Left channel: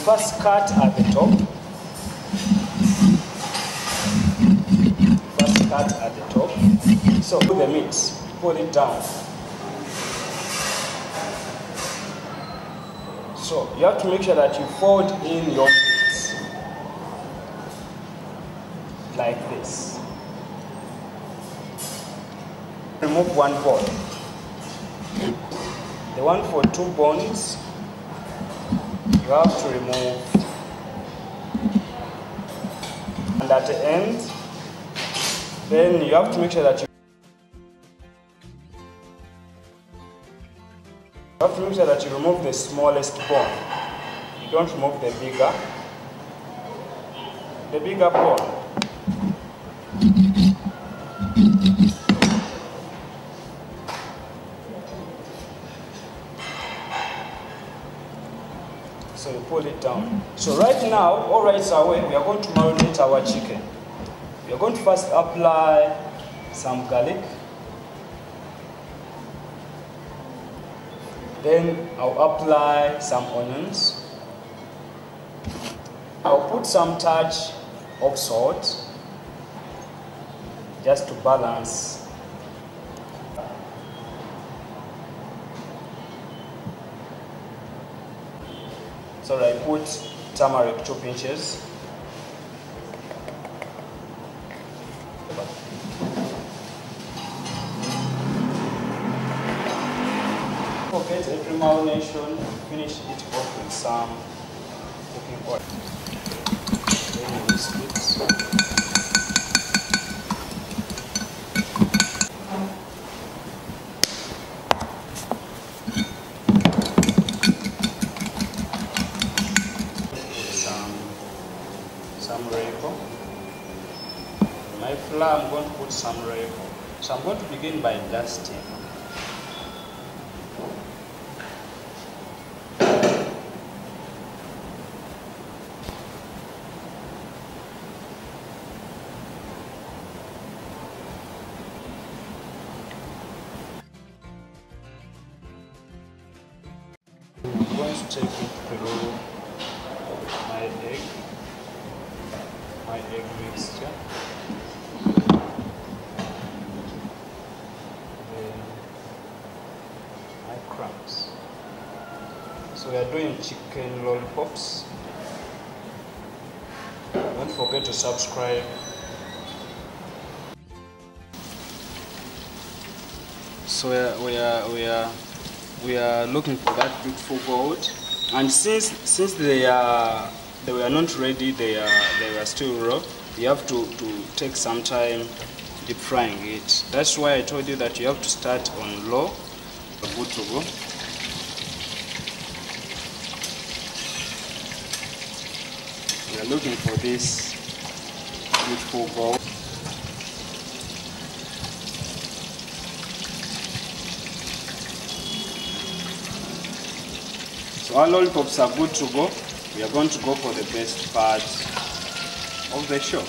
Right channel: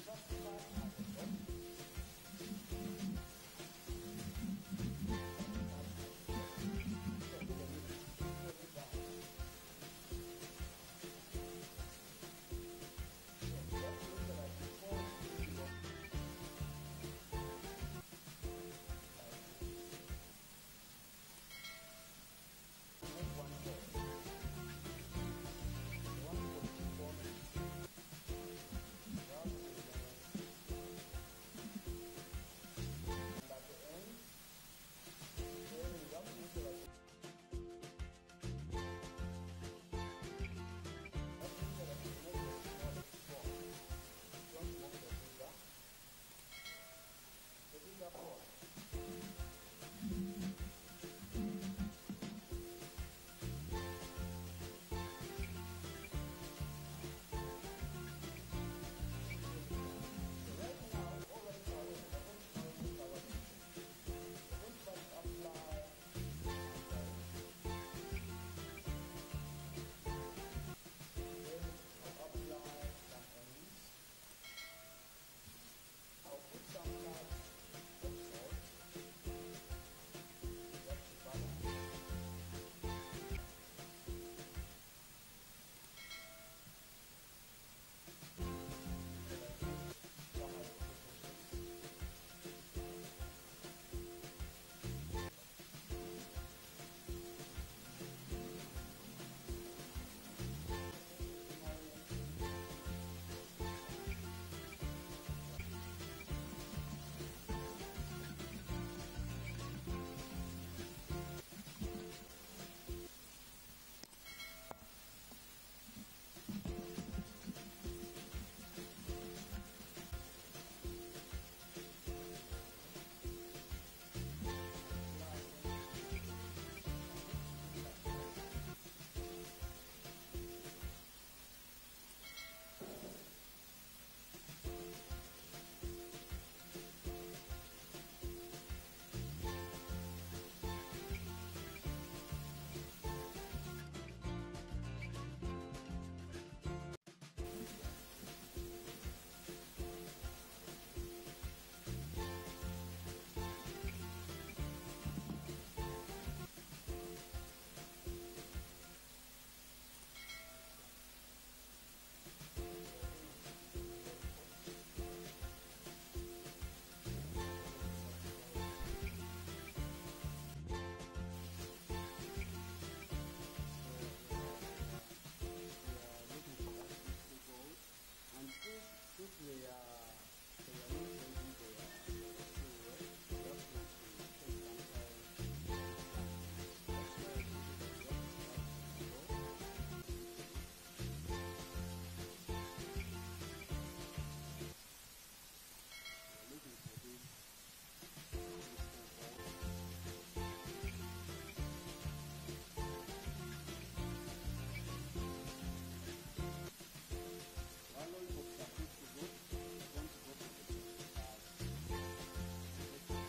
first cut at the top. First cut at the top. So put the meat, pull it down. So you have to make sure that you fold in your meat like this. Remove one bone. The one for 2 bones, you have to remove. And at the end, then you have to make sure that you remove the smallest bone. You don't remove the bigger bone. So you pull it down. So right now, all rights are away, we are going to marinate our chicken. We are going to first apply some garlic. Then I'll apply some onions. I'll put some touch of salt just to balance. So I put turmeric 2 pinches. Forget every marination, finish it off with some cooking oil. Then you whisk it. Some rainbow. My flour, I'm going to put some rainbow. So I'm going to begin by dusting. I'm going to take it through my egg mixture. Then my crumbs. So we are doing chicken lollipops. Don't forget to subscribe. So we are looking for that beautiful gold, and since they were not ready, they were still raw. You have to take some time deep frying it. That's why I told you that you have to start on low. Good to go. We are looking for this beautiful gold. So our lollipops are good to go. We are going to go for the best part of the show.